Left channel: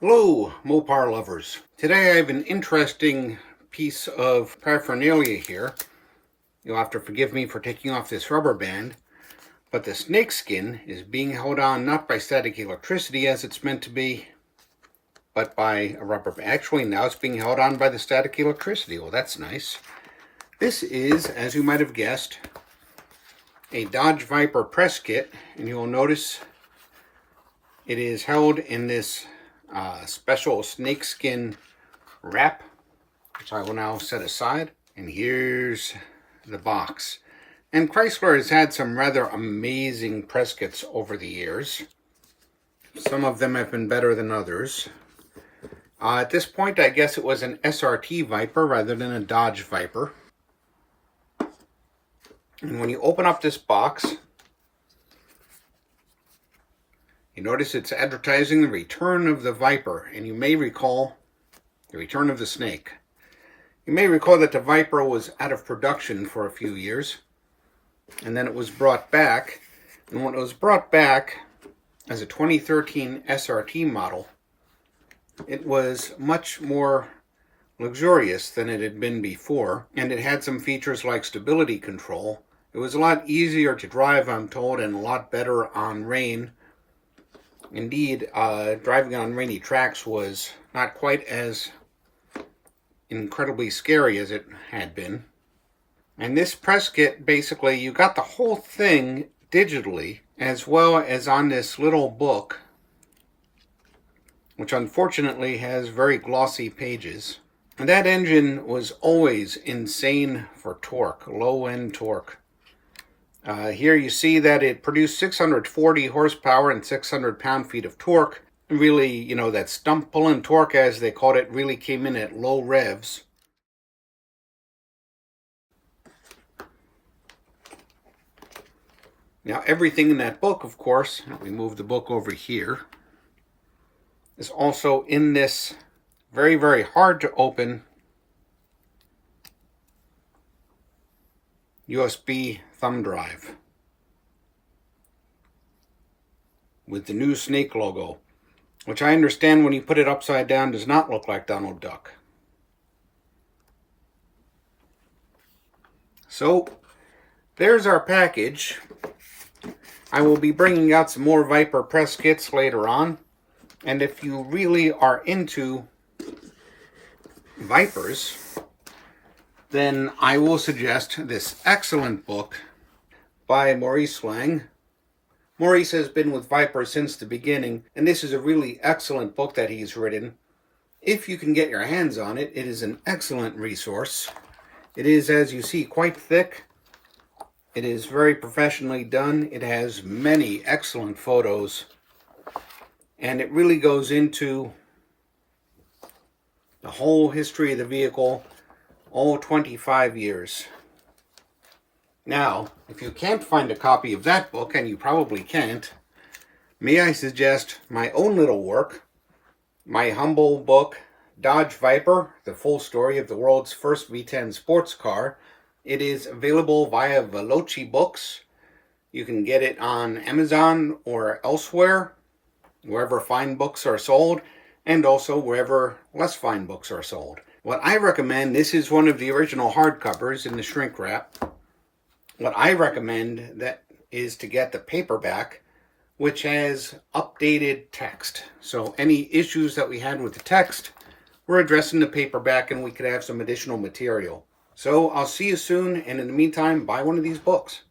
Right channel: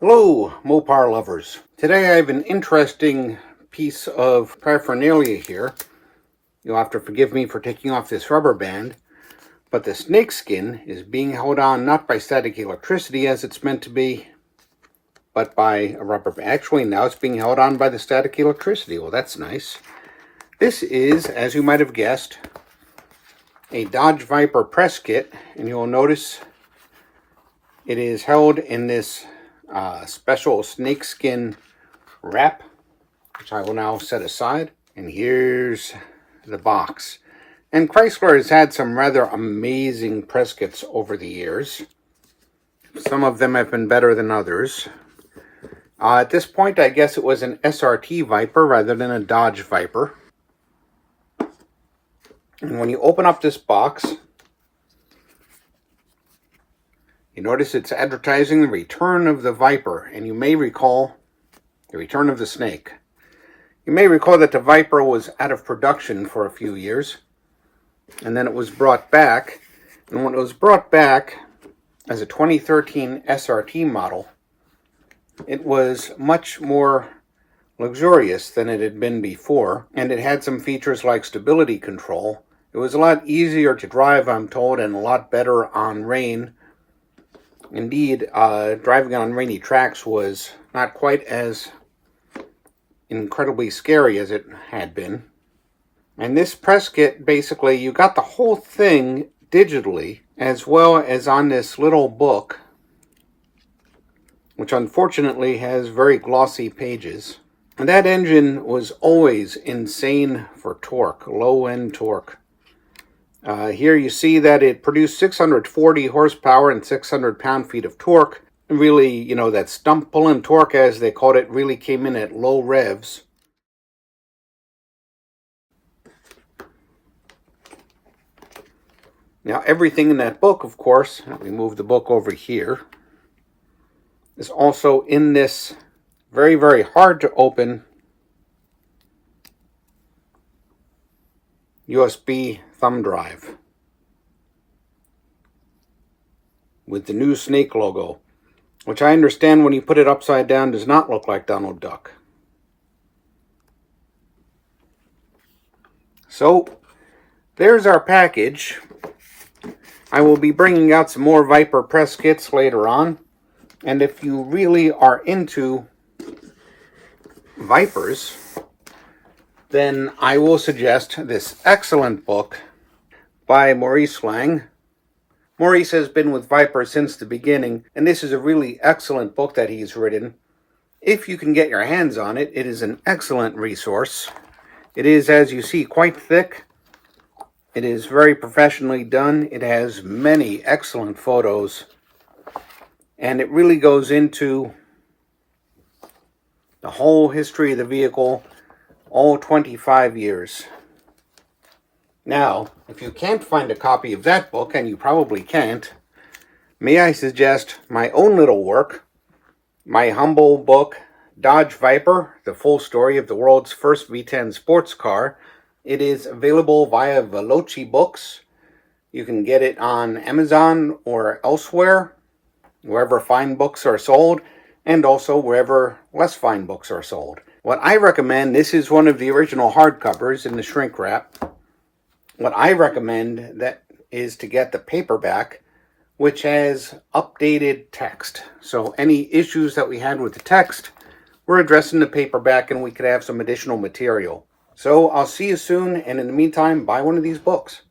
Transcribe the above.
Hello, Mopar lovers. Today I have an interesting piece of paraphernalia here. You'll have to forgive me for taking off this rubber band, but the snake skin is being held on not by static electricity as it's meant to be, but by a rubber band. Actually, now it's being held on by the static electricity. Well, that's nice. This is, as you might have guessed, a Dodge Viper press kit, and you'll notice it is held in this special snakeskin wrap, which I will now set aside. And here's the box. And Chrysler has had some rather amazing press kits over the years. Some of them have been better than others. At this point, I guess it was an SRT Viper rather than a Dodge Viper. And when you open up this box, you notice it's advertising the return of the Viper, and you may recall the return of the snake. You may recall that the Viper was out of production for a few years, and then it was brought back. And when it was brought back as a 2013 SRT model, it was much more luxurious than it had been before, and it had some features like stability control. It was a lot easier to drive, I'm told, and a lot better on rain. Indeed, driving on rainy tracks was not quite as incredibly scary as it had been. And this press kit, basically, you got the whole thing digitally, as well as on this little book, which unfortunately has very glossy pages. And that engine was always insane for torque, low-end torque. Here you see that it produced 640 horsepower and 600 pound-feet of torque. Really, you know, that stump pulling torque, as they called it, really came in at low revs. Now, everything in that book, of course, let me move the book over here, is also in this very, very hard to open USB thumb drive with the new snake logo, which I understand when you put it upside down does not look like Donald Duck. So there's our package. I will be bringing out some more Viper press kits later on, and if you really are into Vipers, then I will suggest this excellent book by Maurice. Maurice has been with Viper since the beginning, and this is a really excellent book that he's written. If you can get your hands on it, it is an excellent resource. It is, as you see, quite thick. It is very professionally done. It has many excellent photos, and it really goes into the whole history of the vehicle, all 25 years. Now, if you can't find a copy of that book, and you probably can't, may I suggest my own little work, my humble book, Dodge Viper, the full story of the world's first V10 sports car. It is available via Veloci Books. You can get it on Amazon or elsewhere, wherever fine books are sold, and also wherever less fine books are sold. What I recommend, this is one of the original hardcovers in the shrink wrap. What I recommend that is to get the paperback, which has updated text. So any issues that we had with the text, we're addressing the paperback, and we could have some additional material. So I'll see you soon, and in the meantime, buy one of these books.